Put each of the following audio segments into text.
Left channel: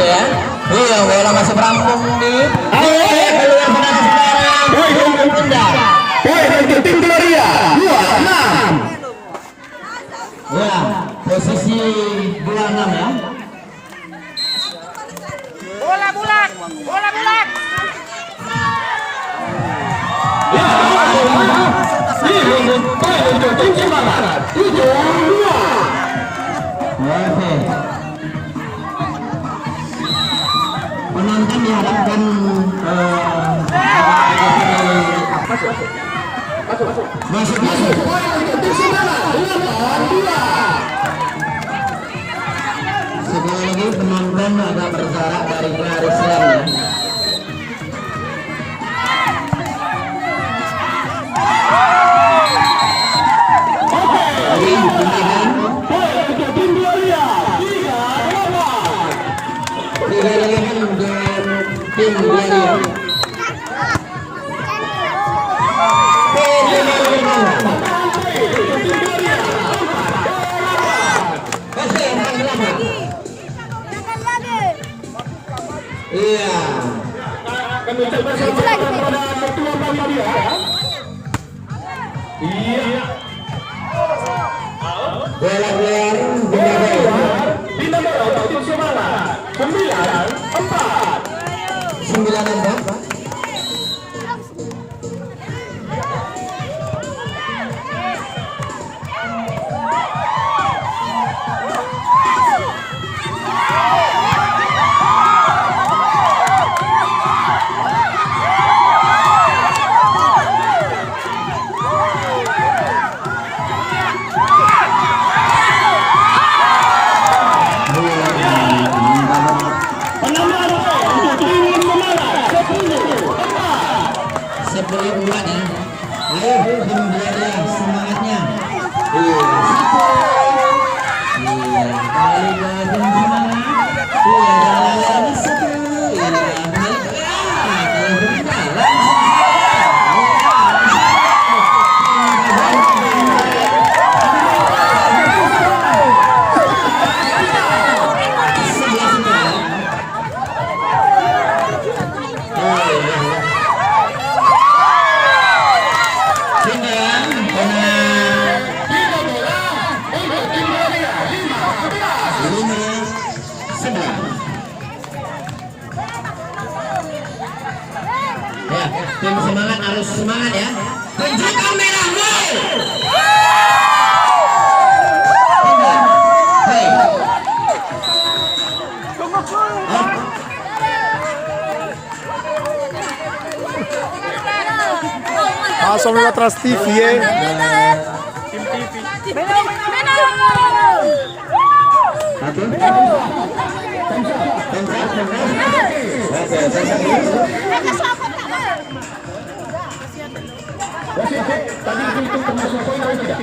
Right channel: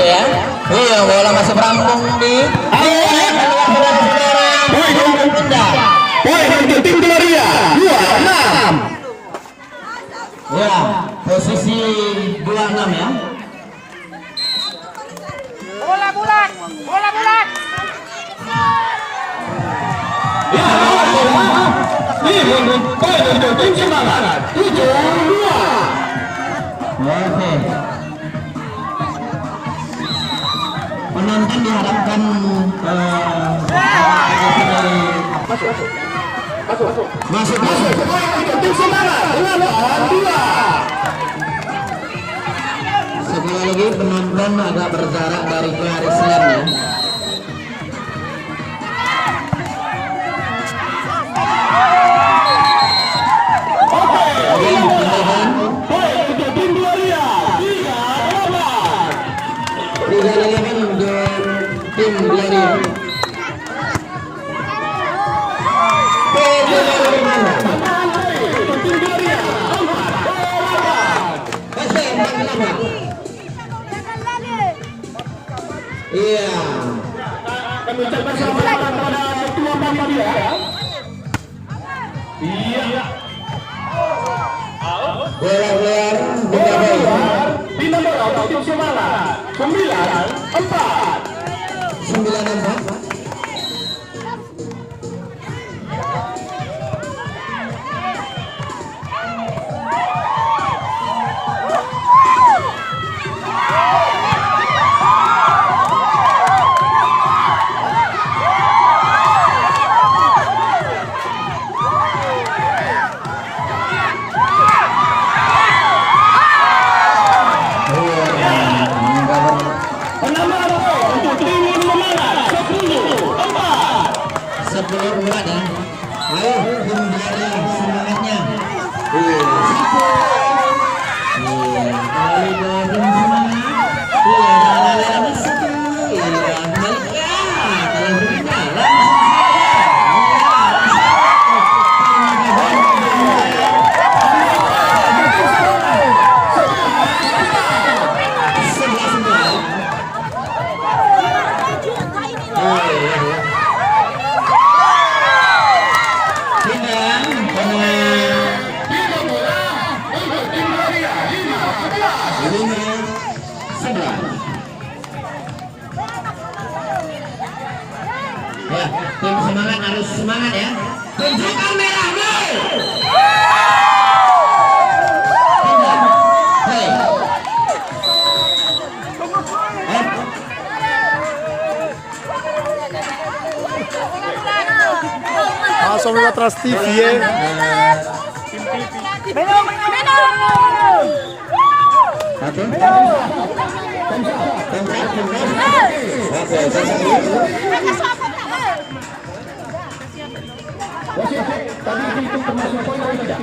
gitu ya. Iya, bola masih merampung nih. Ayo keluar saudara-saudara. Pindah. Tim Gloria 26. Ya, posisi 26 ya. Bola bulat. Tim Semangat 72. Oke. Penonton diharapkan masuk. Tim Semangat 82. Sekali lagi penonton agak berjarak dari garis rem ya. Tim Gloria 38. 38 untuk tim Gloria. Iya. Kami ucapkan selamat kepada ketua panitia. Iya. Bola keluar Di nomor Tim Semangat 94. 94. Sebelum buat ya. Ayo tim Gloria semangatnya. Iya. Iya, kali gabung semangat. Iya, kali satu. Iya, bagus. Ya, kalau berjalan. Ya, tim semangat harus semangat ya. Tunjukkan merahmu. Hei. Langsung lewat Trans TV ya. Tadi itu termasuk poin tidak?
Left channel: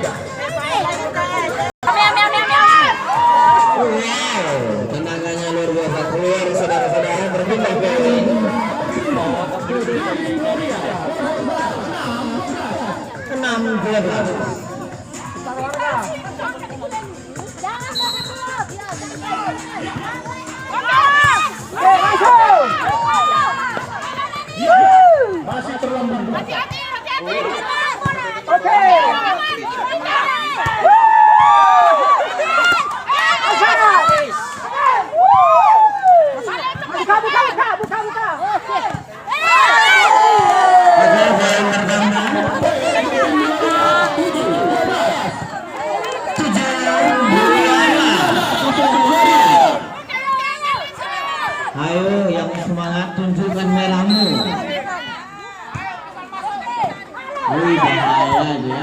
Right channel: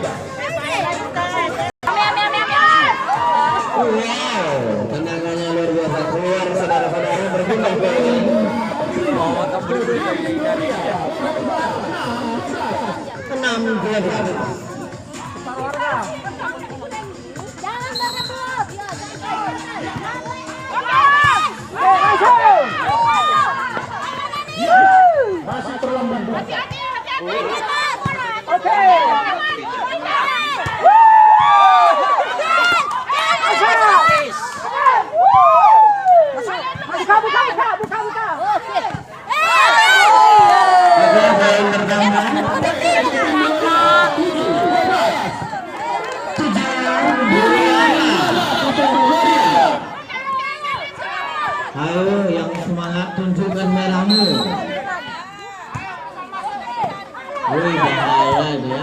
Wow, tendangannya luar biasa keluar saudara-saudara berpindah ke 6-11. Masih terlambat. Oke. Buka. Ayo yang semangat tunjukkan merahmu. Wih, bahaya dia.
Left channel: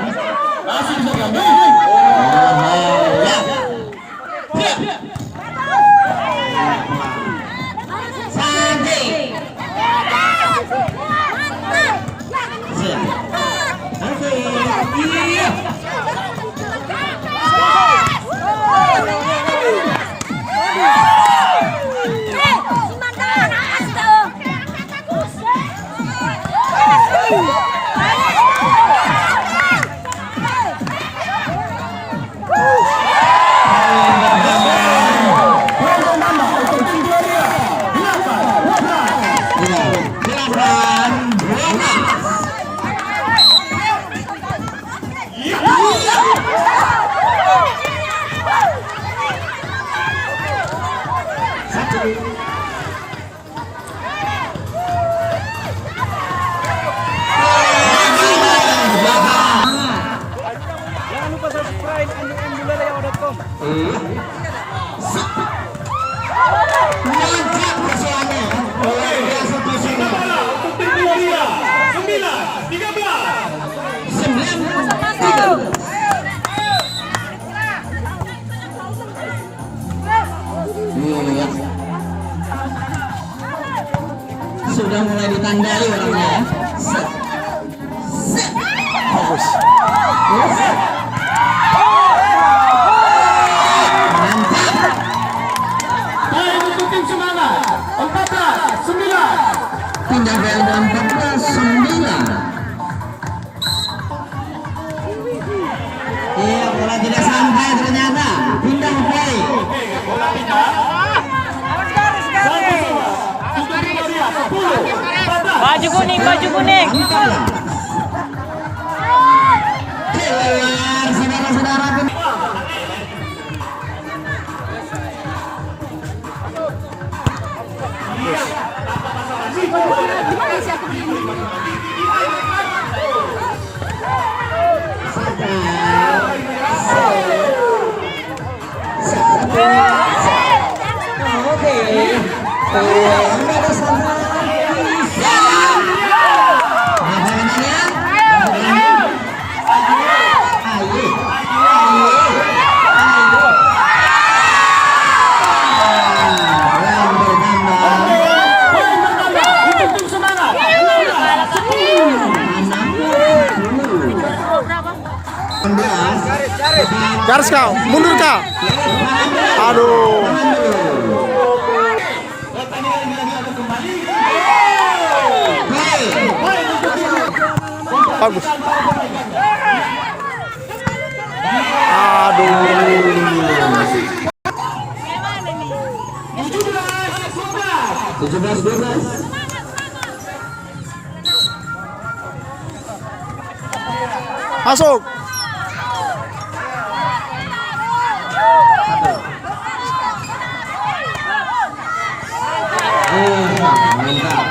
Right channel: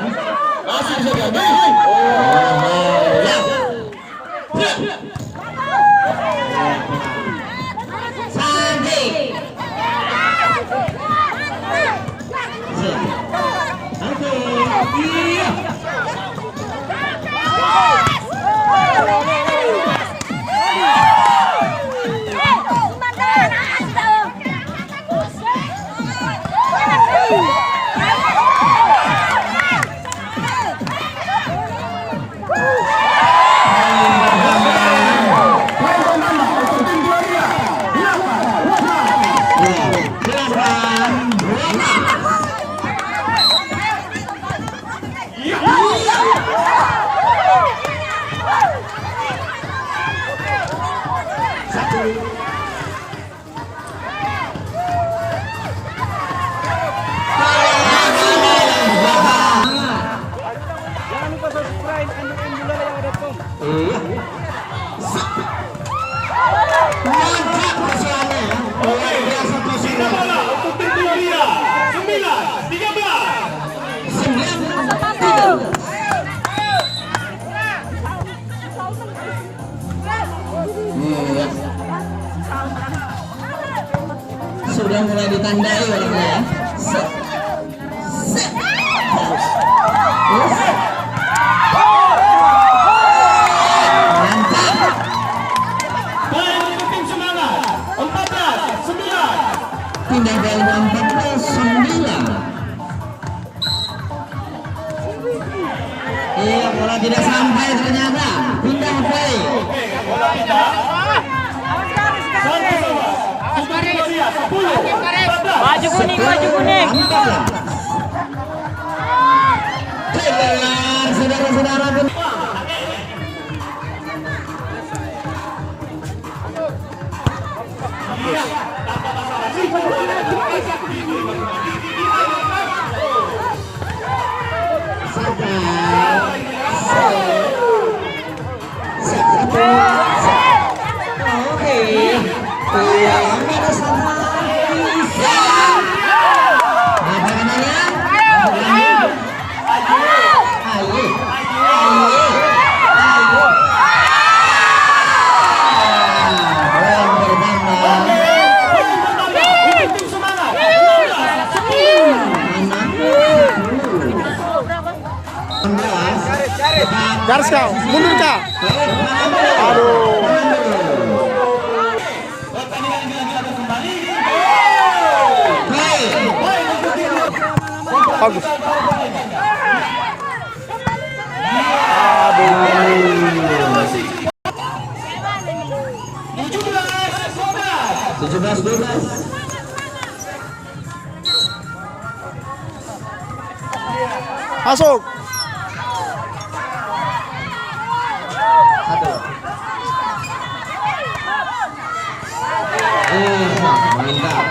Sudah mulai ditandai orangnya ya. Set. Bagus. Mantap. Baik untuk tim semangat. 14-9. Pindah ke 14-9. Iya, bola tidak sampai ternyata. Pindah play. Bola pindah. Baju kuning, baju kuning. Keluar, saudara-saudara. Garis kau, mundur kau. Aduh. Bagus. Aduh. 17-12. Masuk. Mantap.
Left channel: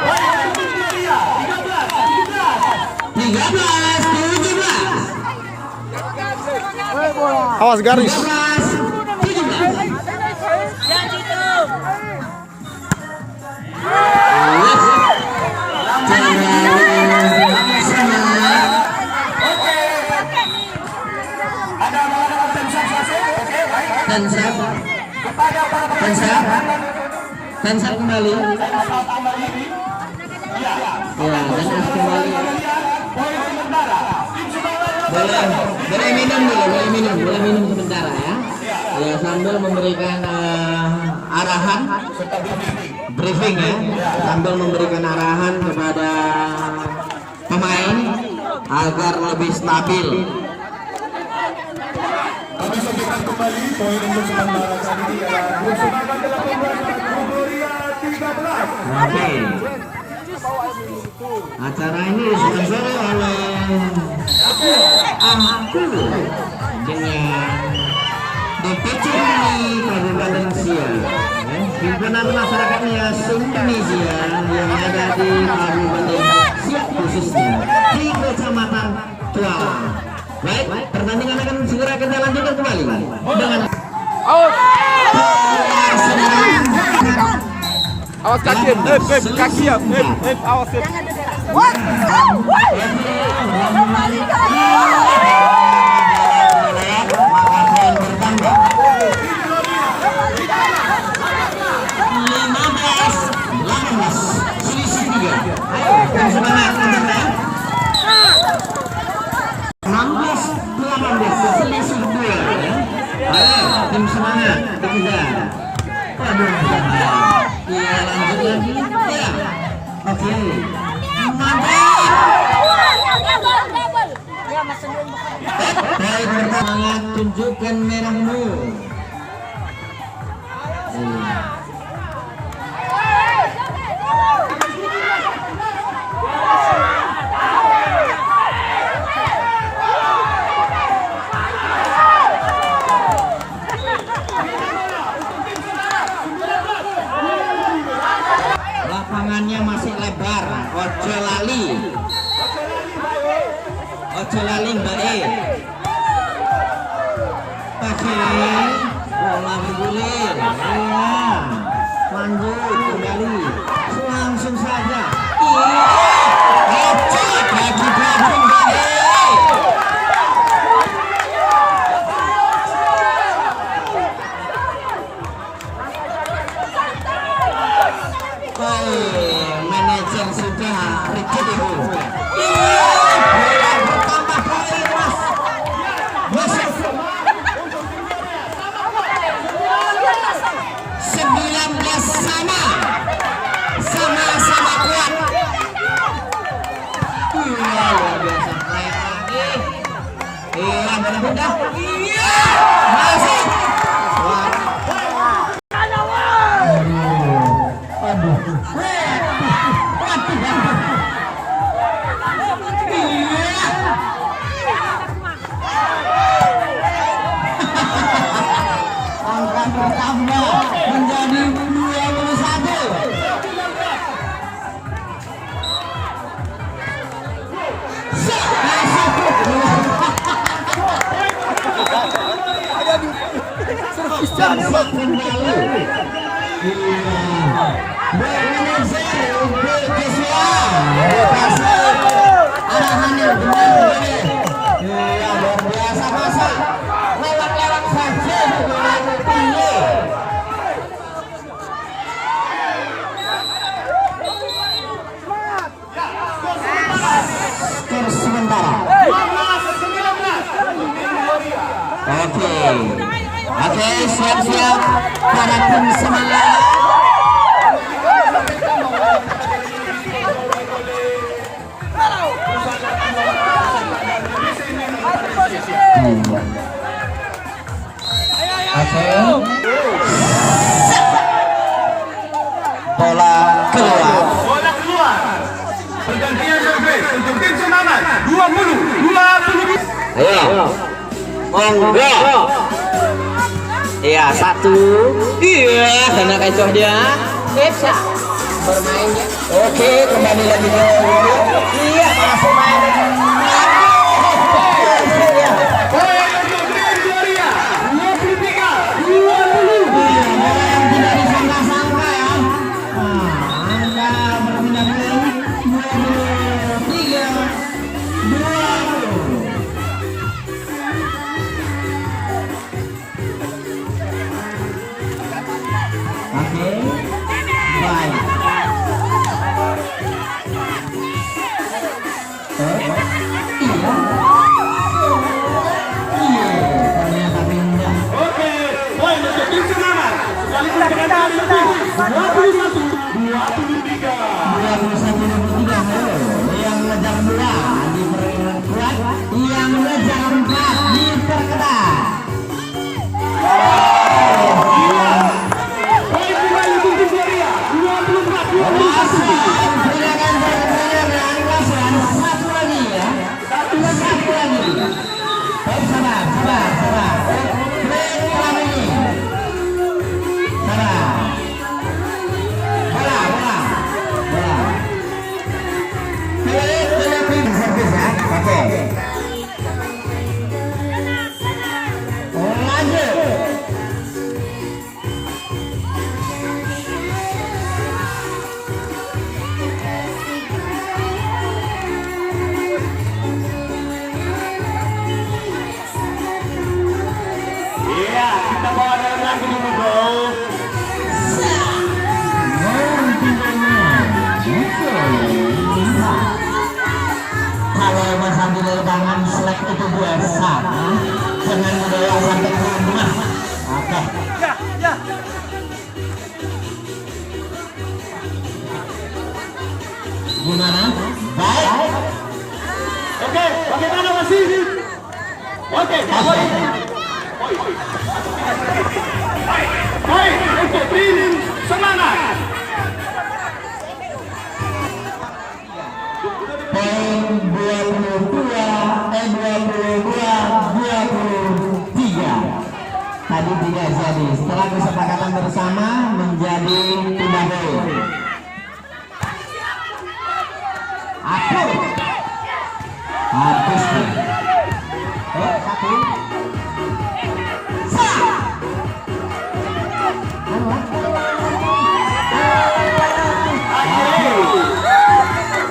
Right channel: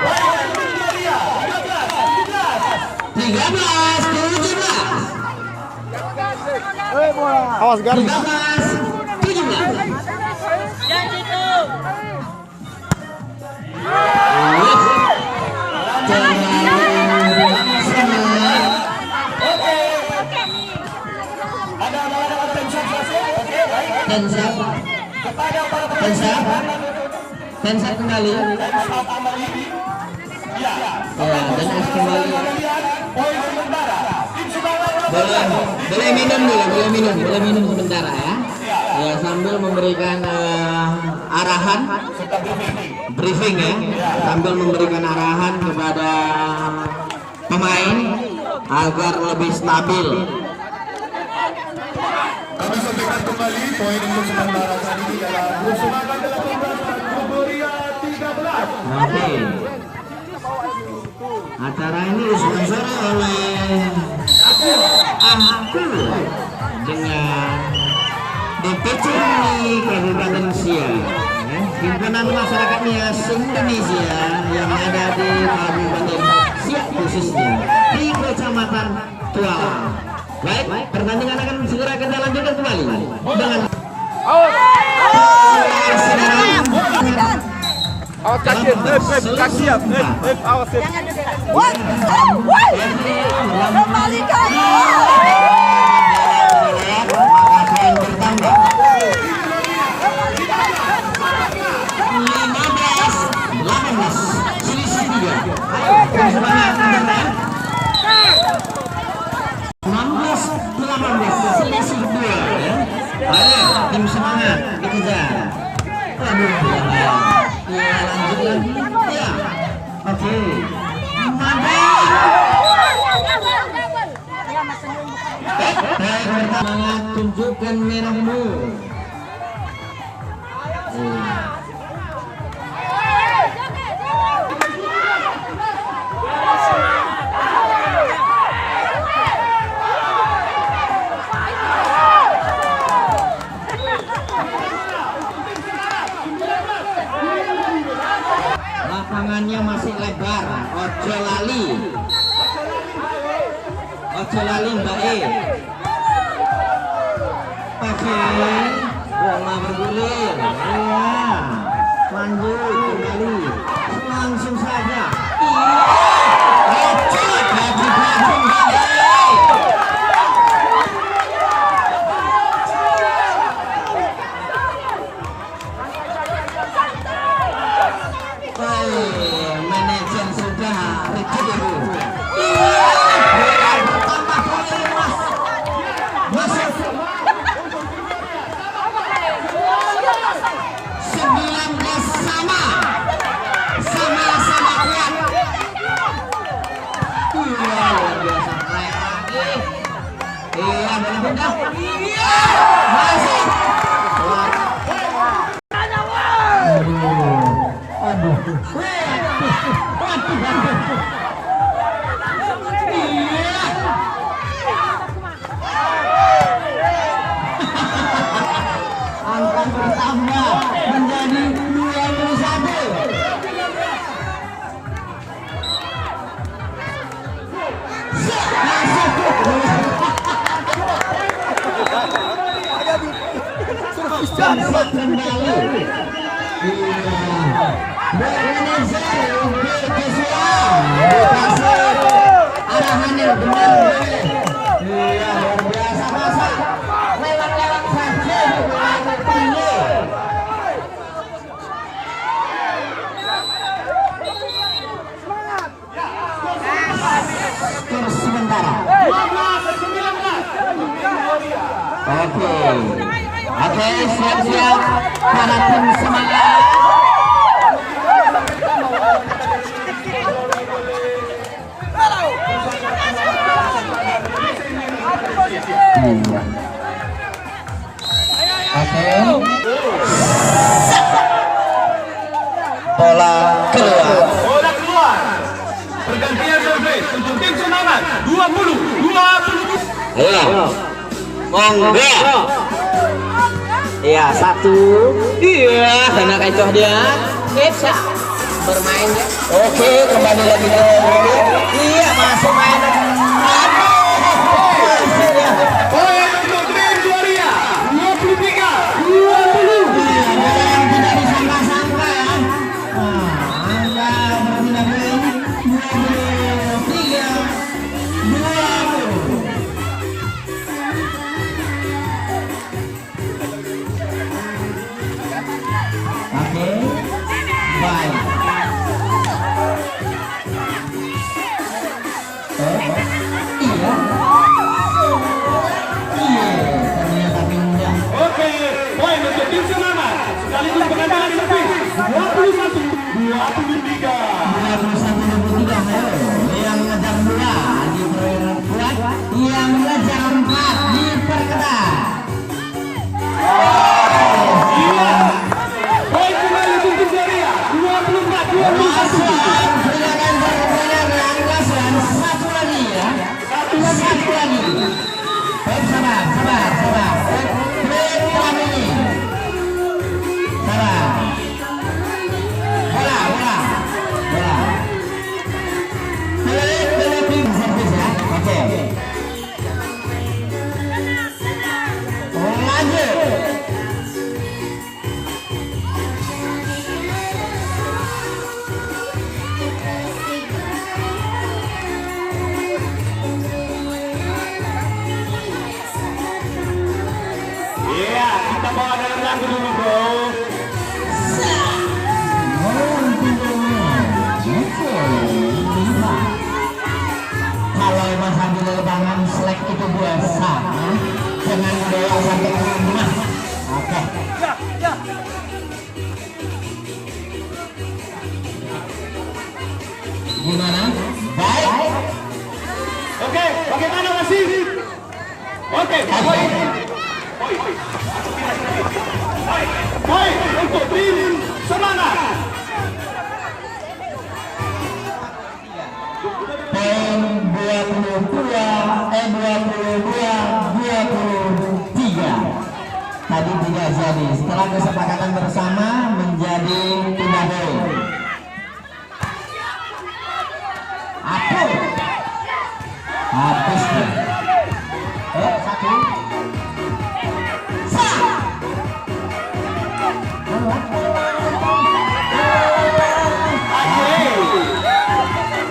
13-17. Awas garis. 17. Tensar kembali. Ya, dan kembali. Boleh minum sebentar ya. Ya, sambil memberikan arahan, briefing ya, sambil memberikan arahan kepada pemain agar lebih stabil. Kami sampaikan kembali poin untuk sementara saat ini adalah grup semangat 18 Kuburia 13. Oke. Acara ini disponsori oleh Aku dengan DPC Indonesia, ya, pimpinan masyarakatnya Indonesia yang ada di Kabupaten Siak khususnya di Kecamatan Tualang. Baik, pertandingan akan segera kita lanjutkan kembali dengan Awas kaki, kaki ya, awas ya. Ayo, yang semangat, selisih 2 ya. Ayo, tim semangat kejar. Aduh, ya, lanjut lagi ya. Oke, mantap. Baik, pertama tunjukkan merahmu. Lapangannya masih lebar, ojo lali Mbak E. Oke, bola bergulir, ya, lanjut kembali, langsung saja, iya, ojo luar biasa lagi. Iya, boleh pindah. Iya, masih. Aduh. Angka bertambah menjadi 21. Oke, siap-siap para tim semangat. Oke. Bola keluar. Bola keluar. Pergantian service untuk tim semangat 20. Ayo. Monggo. Iya, satu. Iya, sana kecoh dia. Bisa bermain ya. Oke, kembali lagi. Iya, masuk main. Gimana? Baik. Oke, bagaimana masih? Oke, baik untuk tim semangat. Poin 23. Tadi tidak jadi. Setelah kesepakatan bersama menjadi 3 poin. Habis nih. Satu.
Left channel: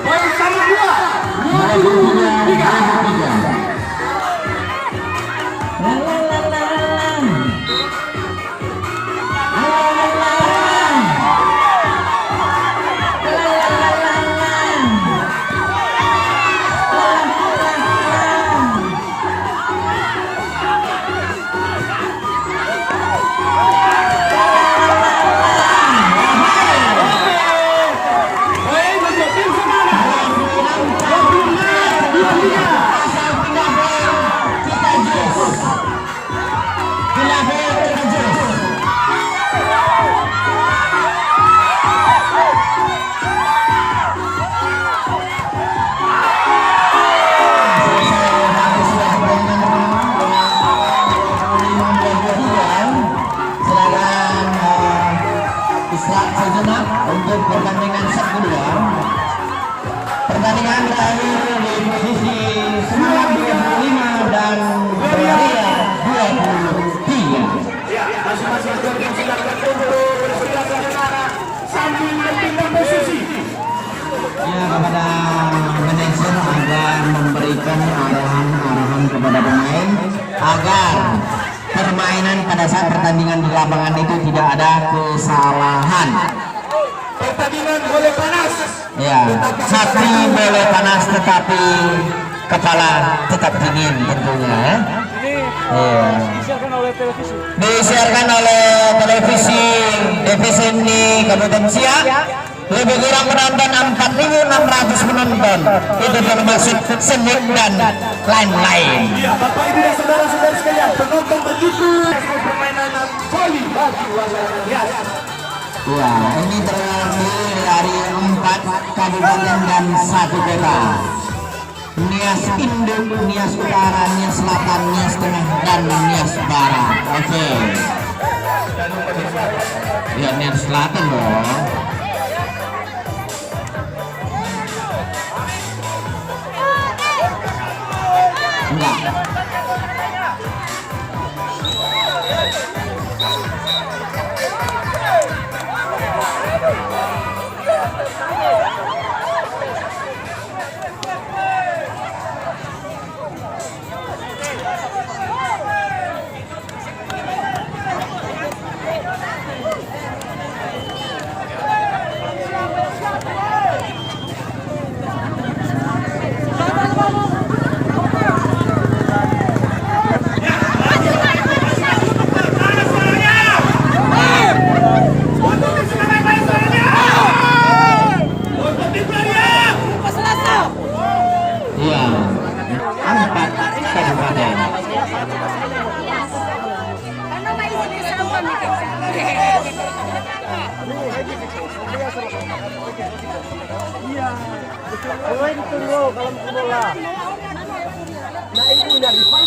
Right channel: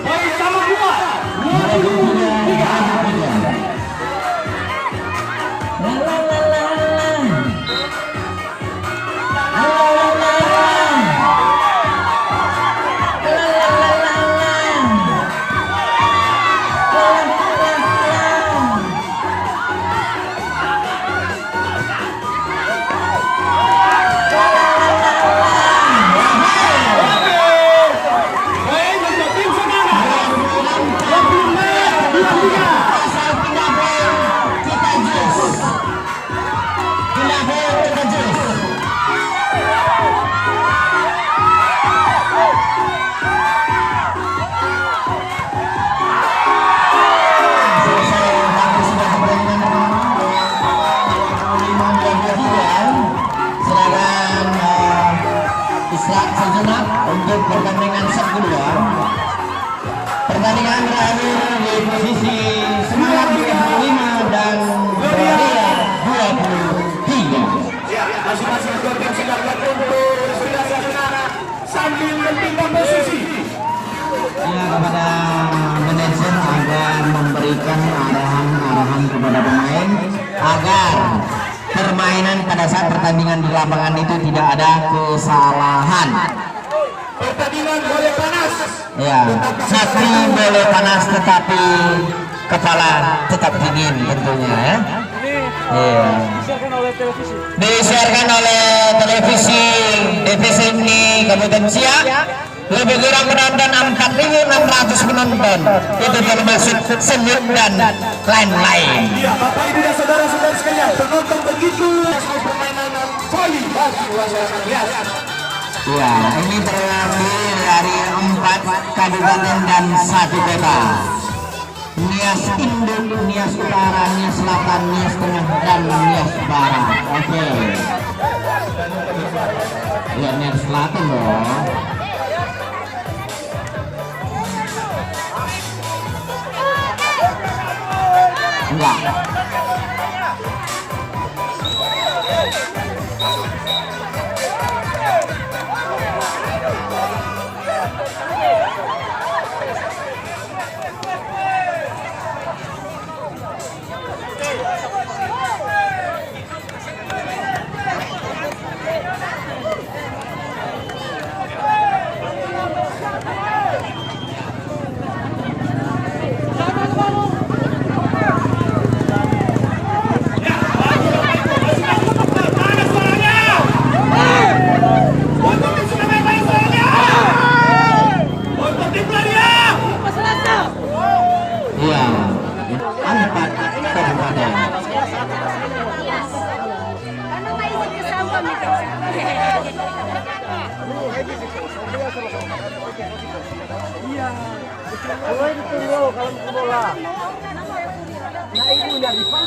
Poin sama 2. memberikan arahan kepada pemain agar permainan pada saat pertandingan di lapangan itu tidak ada kesalahan. Pertandingan boleh panas. Ya, sapi boleh panas tetapi kepala tetap dingin tentunya ya. Iya. Disiarkan oleh televisi ini Kabupaten Siak. Lebih kurang penonton 4.600 penonton. Itu termasuk seni dan lain-lain. Ya, Bapak Ibu dan saudara-saudara sekalian, penonton begitu permainan voli bagi masyarakat Nias. Ya, ini terdiri dari 4 kabupaten dan 1 kota. Nias Induk, Nias Utara, Nias Selatan, Nias Tengah, dan Nias Barat. Oke. Ya, Nias Selatan loh. Enggak.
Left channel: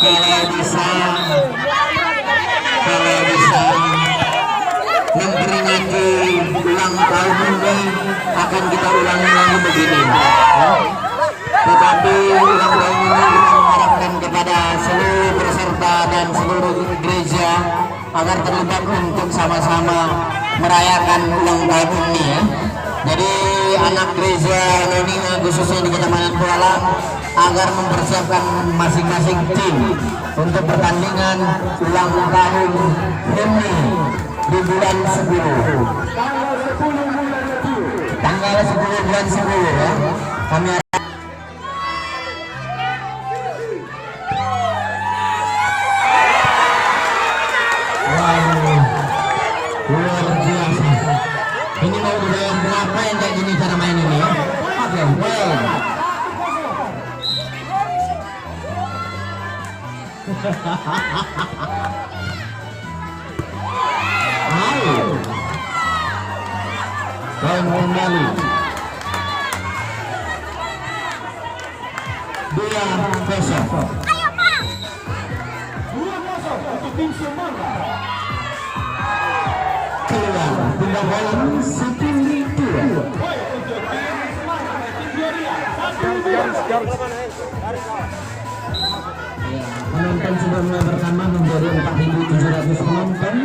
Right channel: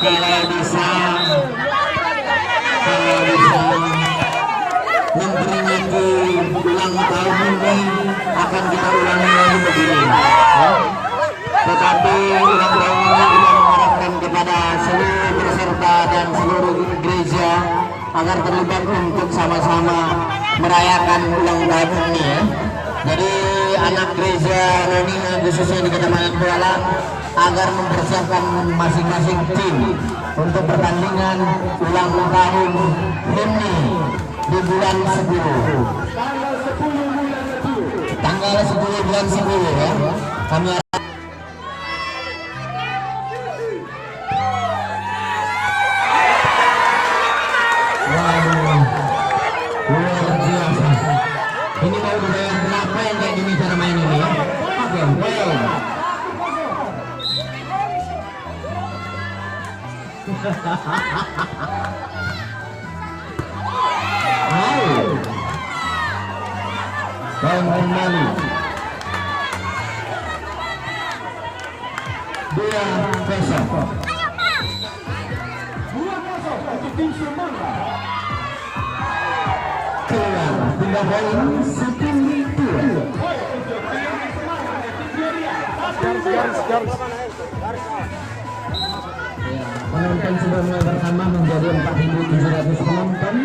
Kalau bisa memperingati ulang tahun ini akan kita ulangi lagi begini. Tetapi ulang tahun ini kita mengharapkan kepada seluruh peserta dan seluruh gereja agar terlibat untuk sama-sama merayakan ulang tahun ini ya. Jadi anak gereja Noni khususnya di Kecamatan Kuala agar mempersiapkan masing-masing tim untuk pertandingan ulang tahun ini di bulan 10. Tanggal 10 bulan 10 ya. Kami ini mau budaya berapa yang kayak gini cara main ini ya? Main kembali. Dua besok. Pindah poin 10-2. Penonton sudah mulai bertambah menjadi 4.700 penonton.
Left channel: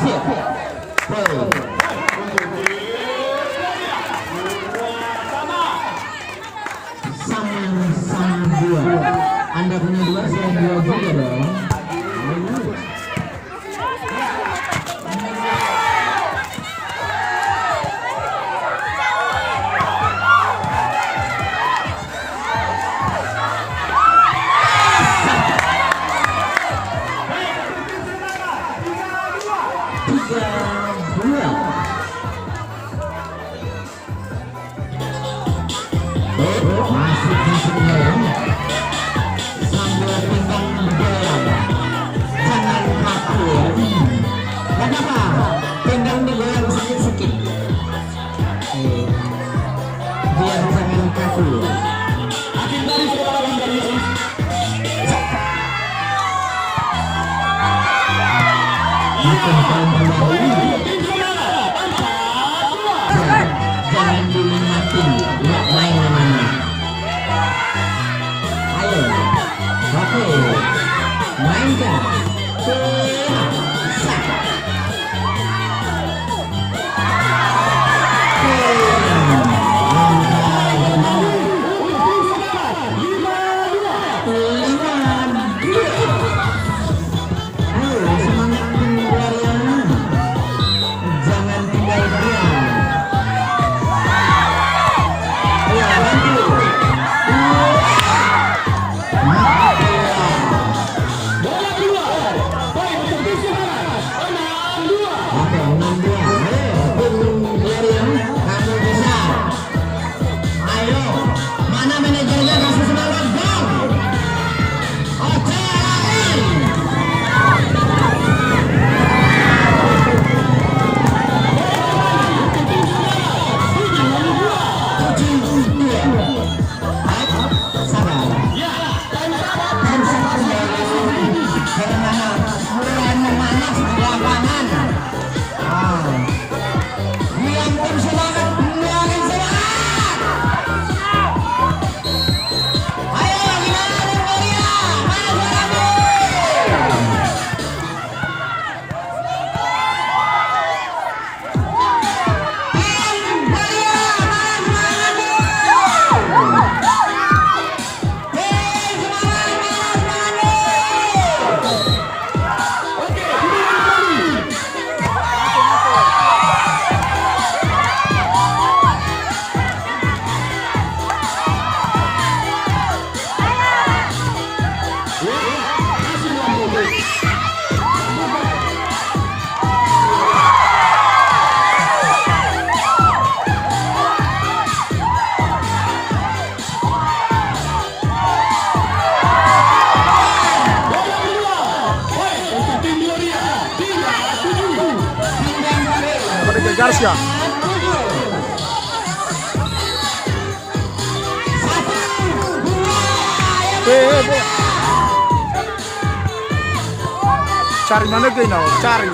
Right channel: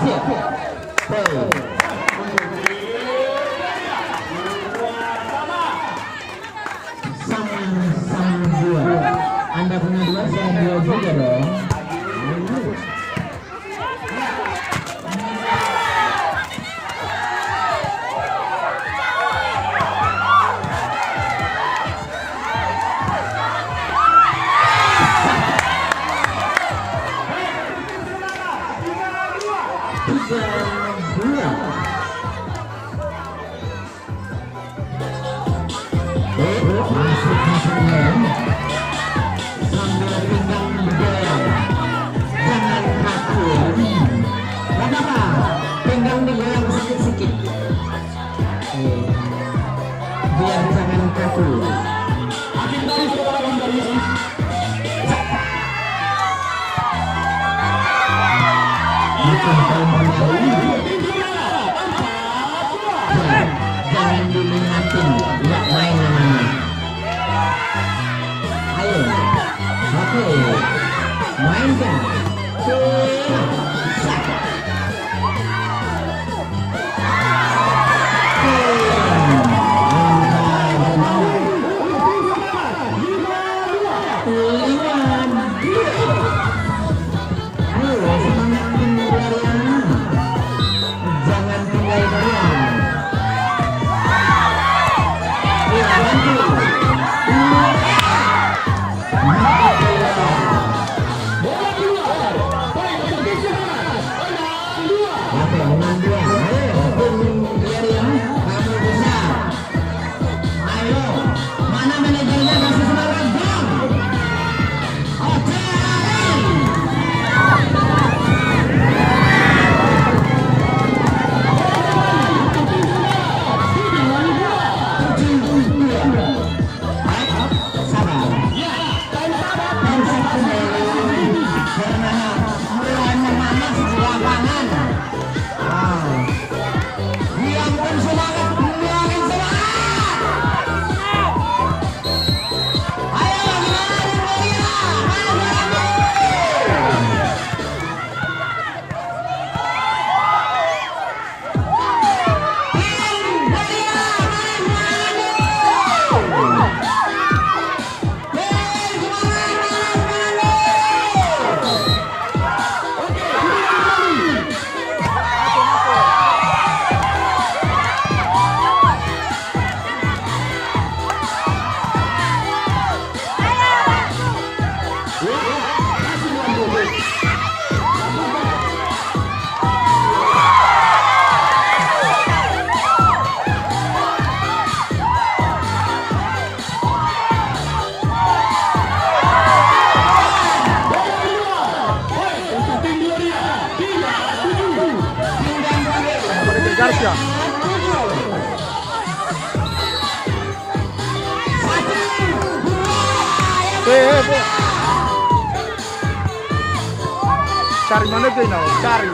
Siap. Sang dua. Anda punya dua, saya dua juga dong. Jangan diminati, tidak main namanya. Ayo, oke, mainkan. Indonesia. Bola. Cari mana gini, cari.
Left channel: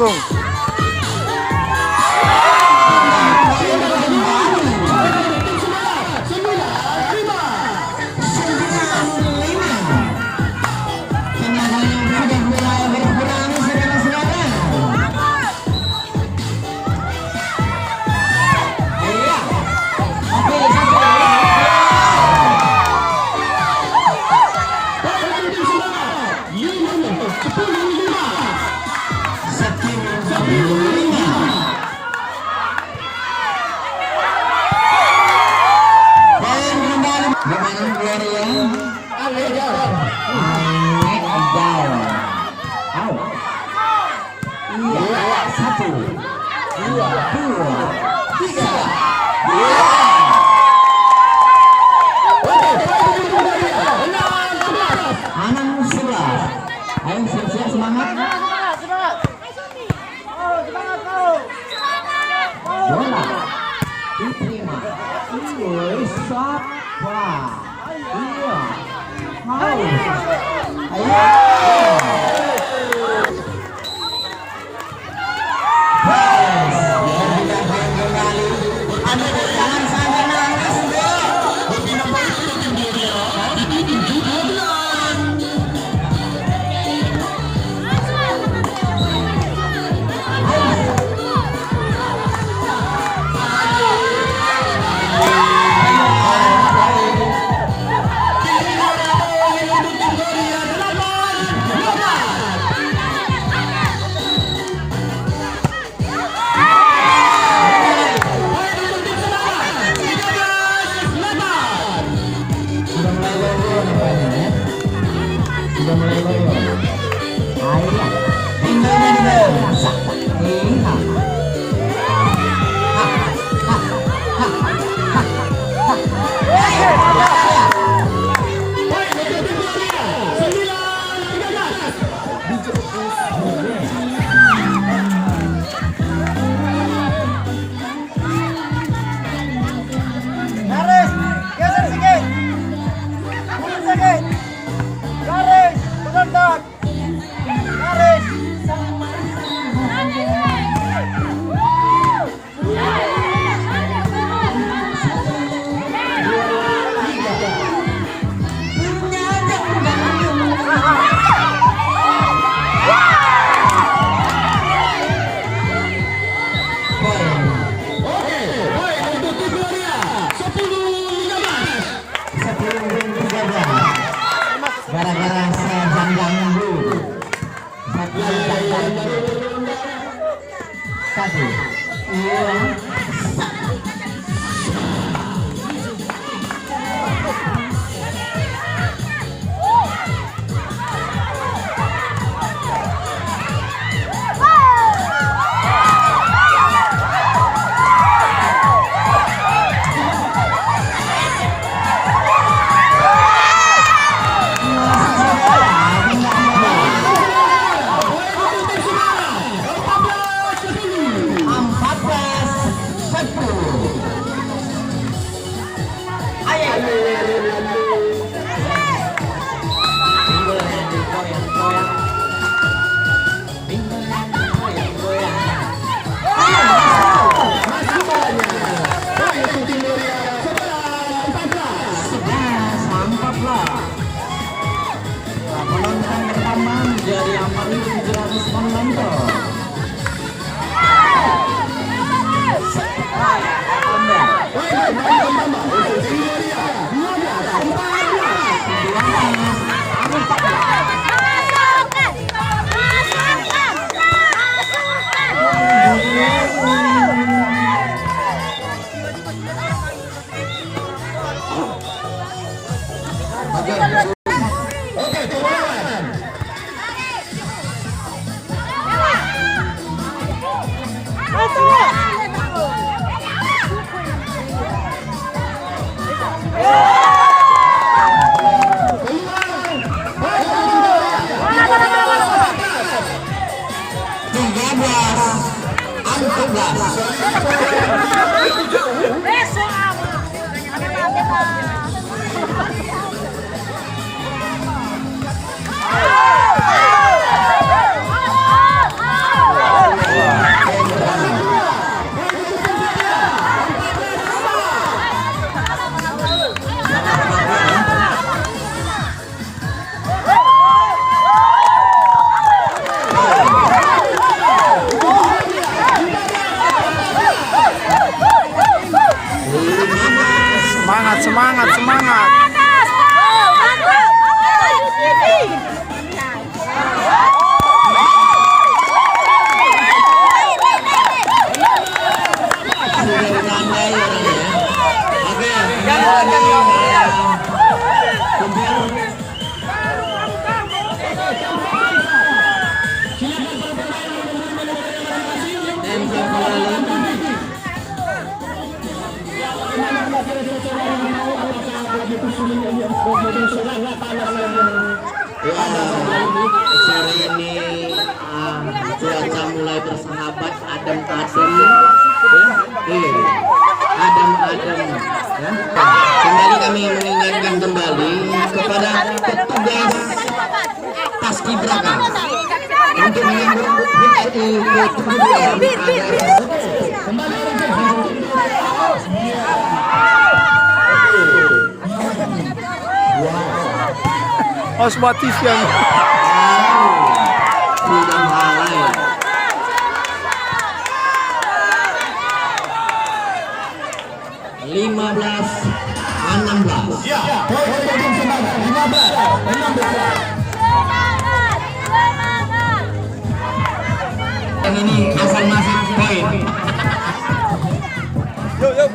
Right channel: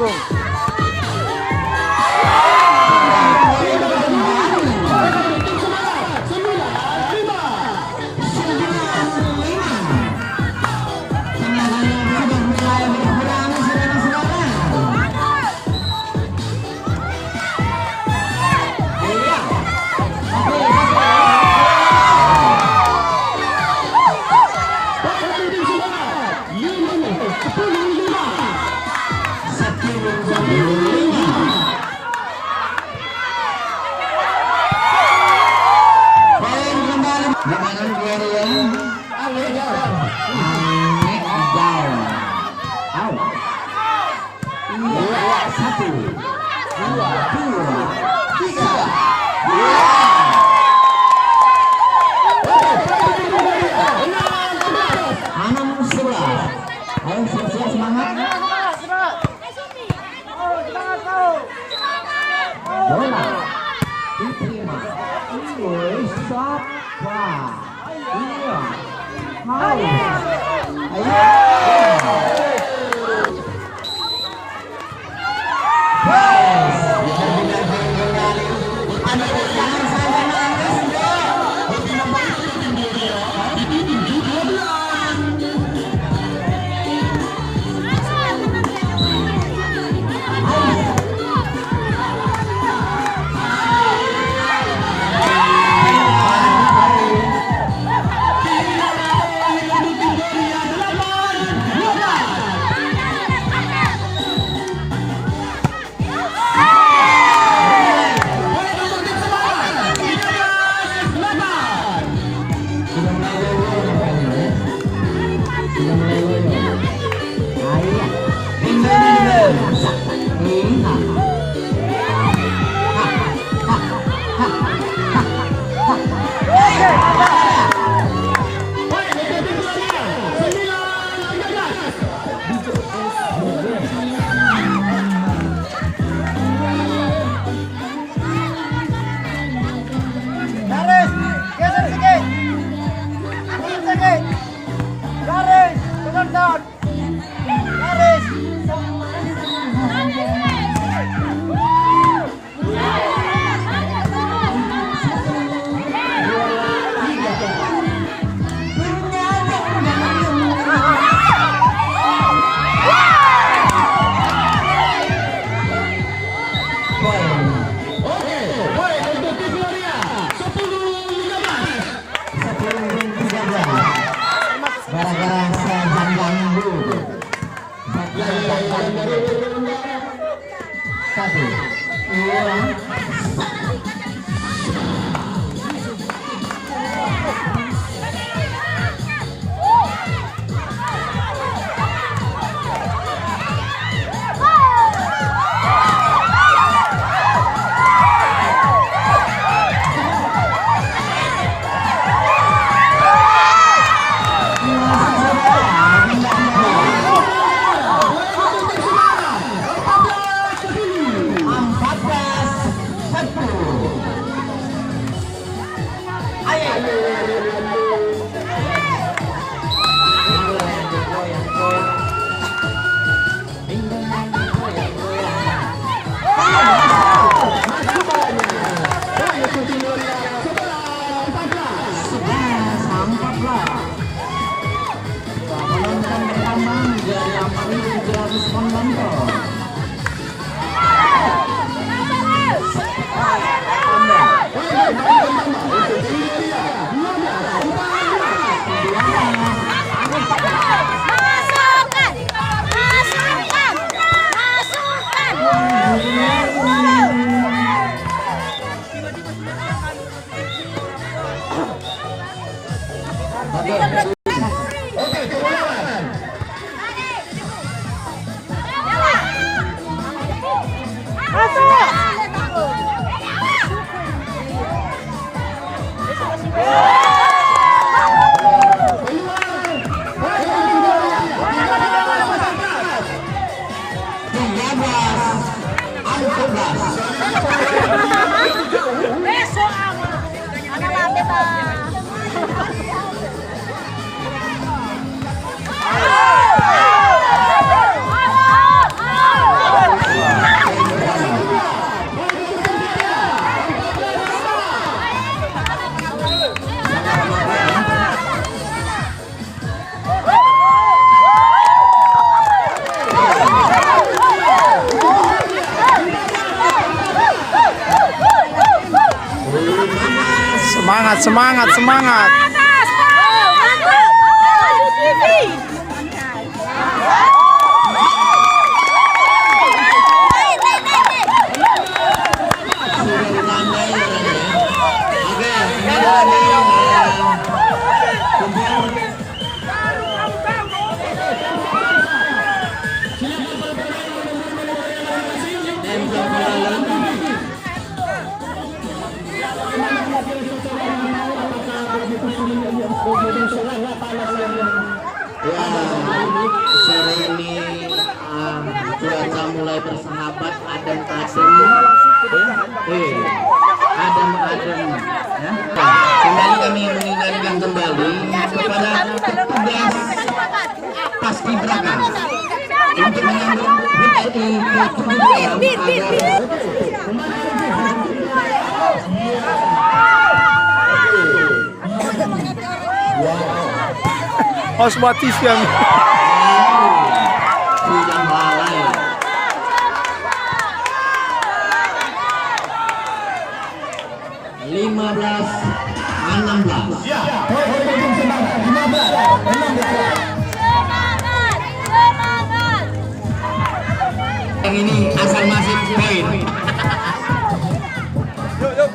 Langsung. Ayo siap-siap semangat. Bola diterima. Siap. Garis, geser sedikit. Mundur sedikit. Garis, benar Semangat, semangat, semangat. Mantap. Maju TV. Oke, kembali ya, sore ini cuaca mulai bersahabat, adem-adem, adem-adem. Ya. Kembali kami mengingatkan kembali kepada petugas paskibraka untuk menyambut HUT Harus buat TV yang sudah mulai. Yang ini Hasan masih poin. yuk, yuk.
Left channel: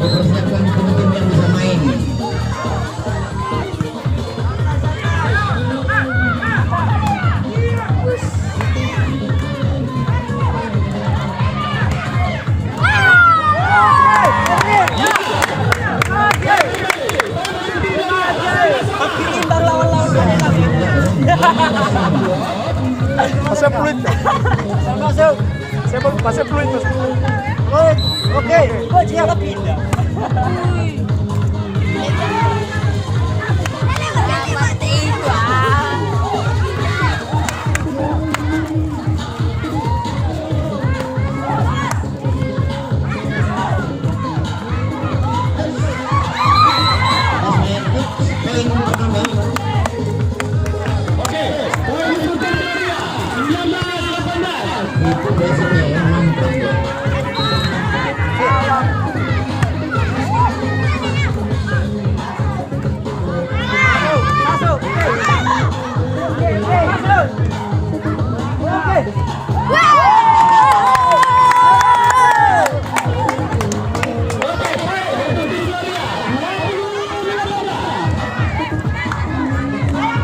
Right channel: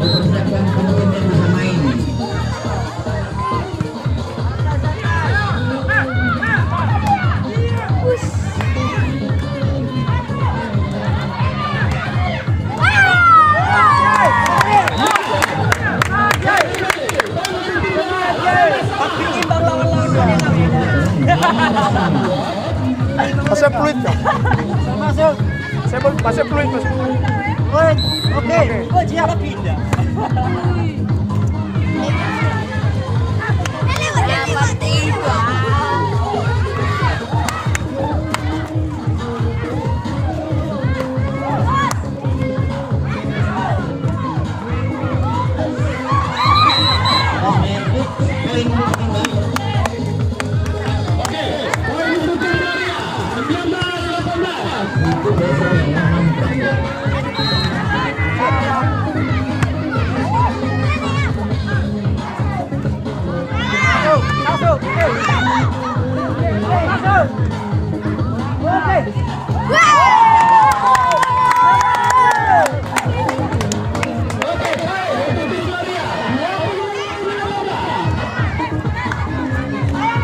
Mempersiapkan tim yang bisa main. Pasnya peluit dong. Masuk. Siapa pasnya peluit mas? Peluit. Oke. Oh dia pindah.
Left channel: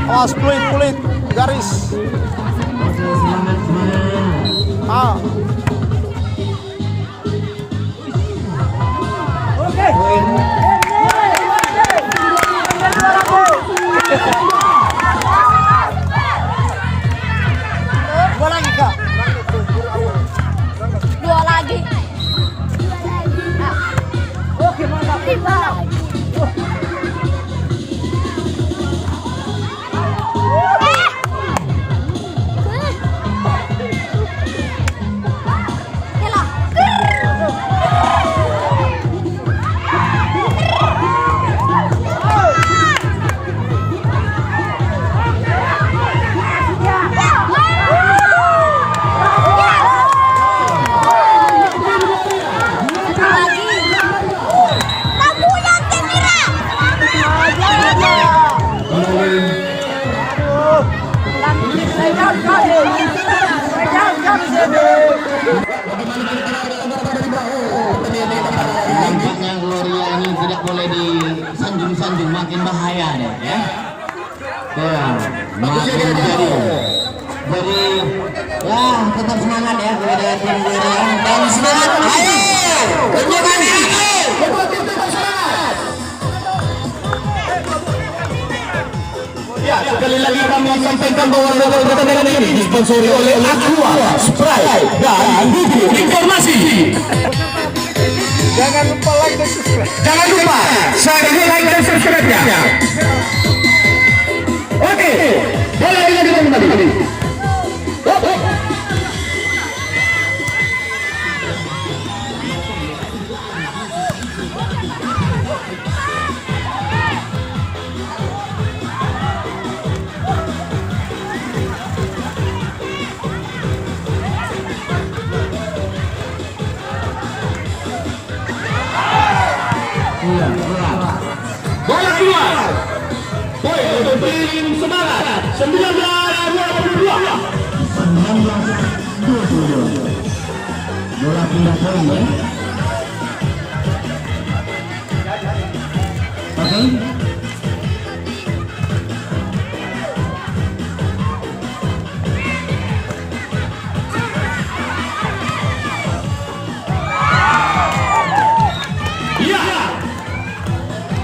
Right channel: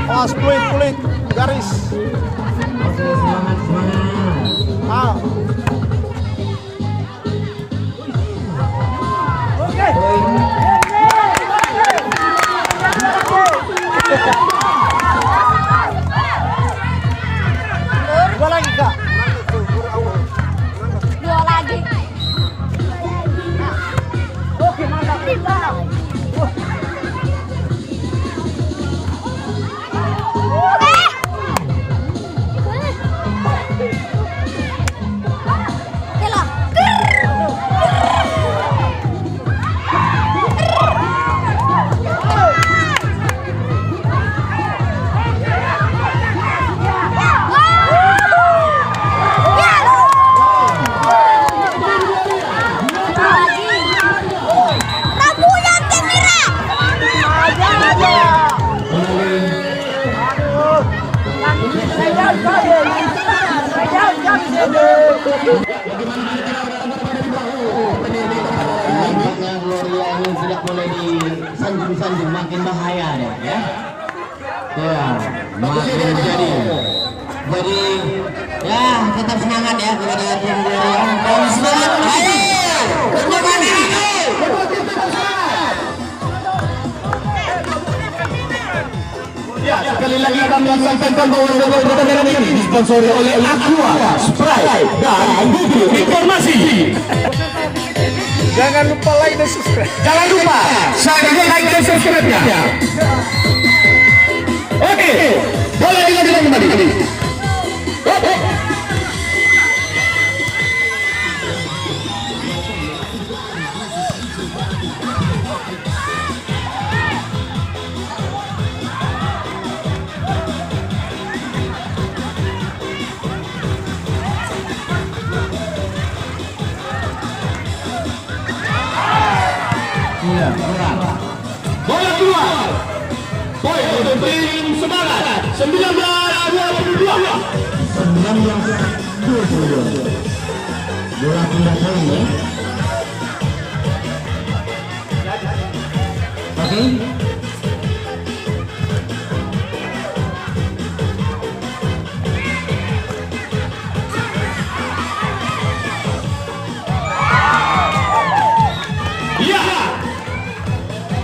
Awas peluit, garis. Ah. Dua lagi kak. Dua lagi. Oke mantap. Nampaknya Gloria ini tidak boleh disanjung-sanjung, makin bahaya deh ya. Ya, makin jadi ya tetap semangat ya kepada tim Gloria dan semangat. Ayo, kencangkan ini. Ya, sekali lagi kami sampaikan bahwa pertandingan ini disponsori oleh Aqua, Sprite, dan Google Informasi. Jangan lupa like dan subscribe. Jangan lupa share, like, dan subscribe-nya. Oke, boleh dilanjutkan kembali. Iya, iya. Bola keluar. Poin untuk tim Semarang 19-22. Bola pindah poin ya. Oke. Iya.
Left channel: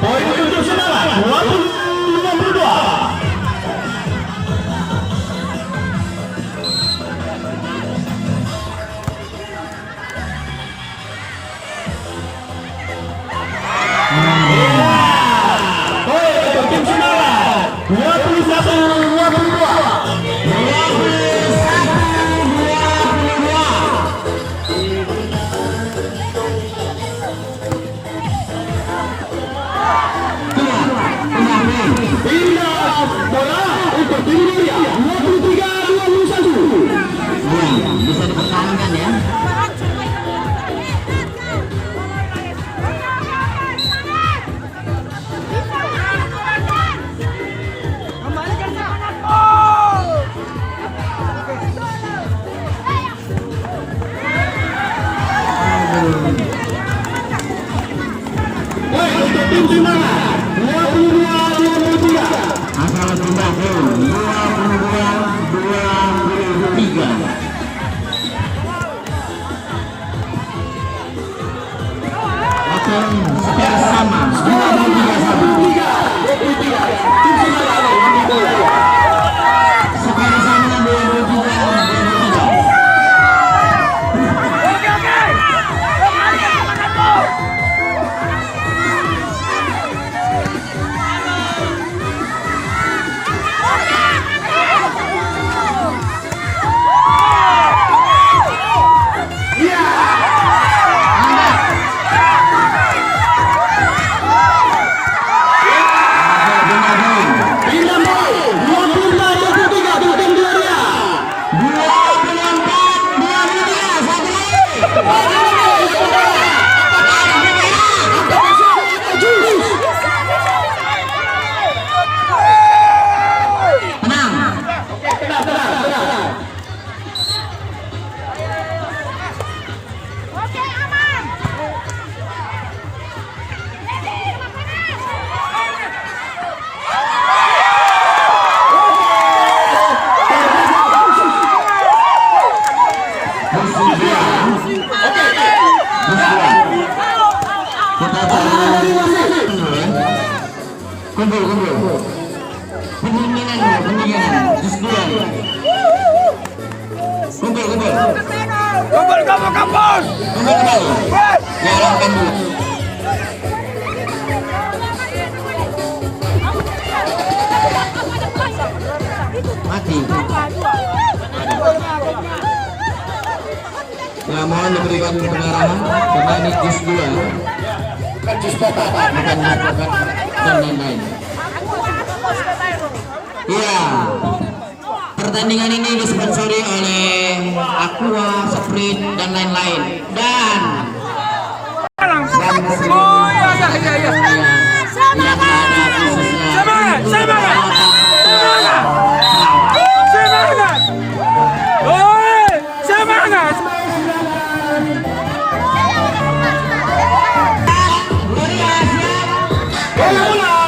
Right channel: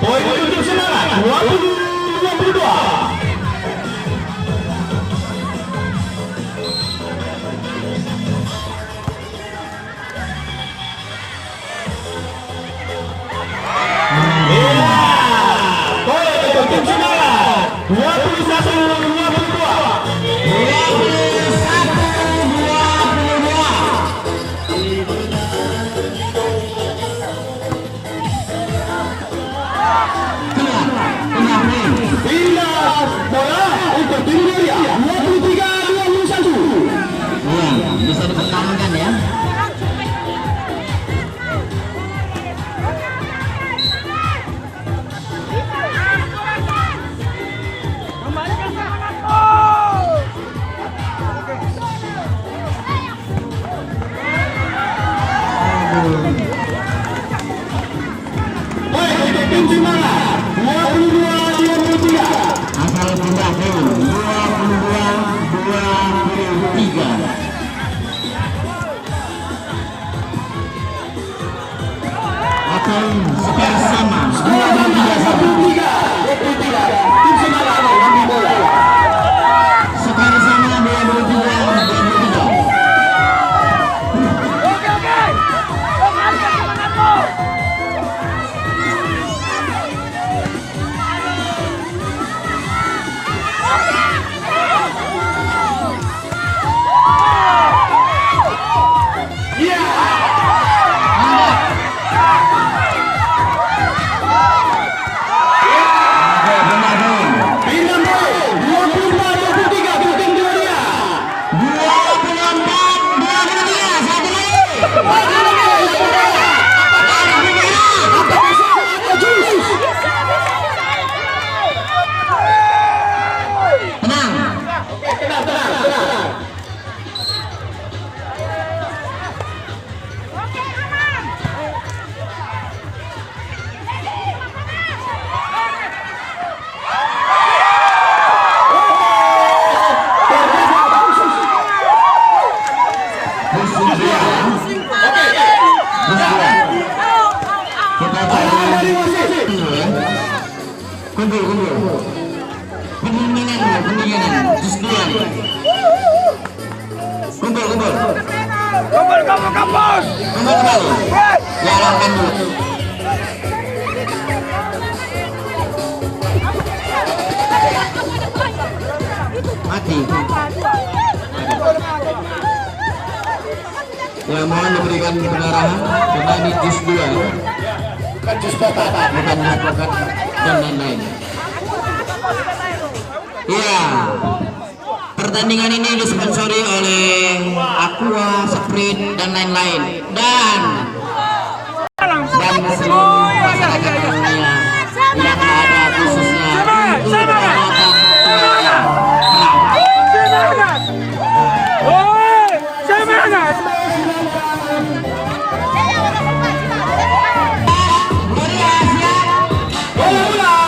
Poin untuk Semarang 20-22. Poin untuk tim Semarang 21-22. Pindah bola untuk tim Gloria 23-21. Iya, bisa dipertahankan ya. Poin untuk tim Semarang 22-23. Asal pindah poin 22-23. Oke, sekarang sama. 23. Tim Semarang ambil bola. Sekarang sama 22-23. Pendinginan, just dua. Kumpul. Ya, lakukan dulu. Mati. Yang mana diberikan pengarahan petani jus dua, bukan advokat dan lain-lain. Iya, pertandingan ini disponsori oleh Aqua, Sprite dan lain-lain. Dan Bola bola.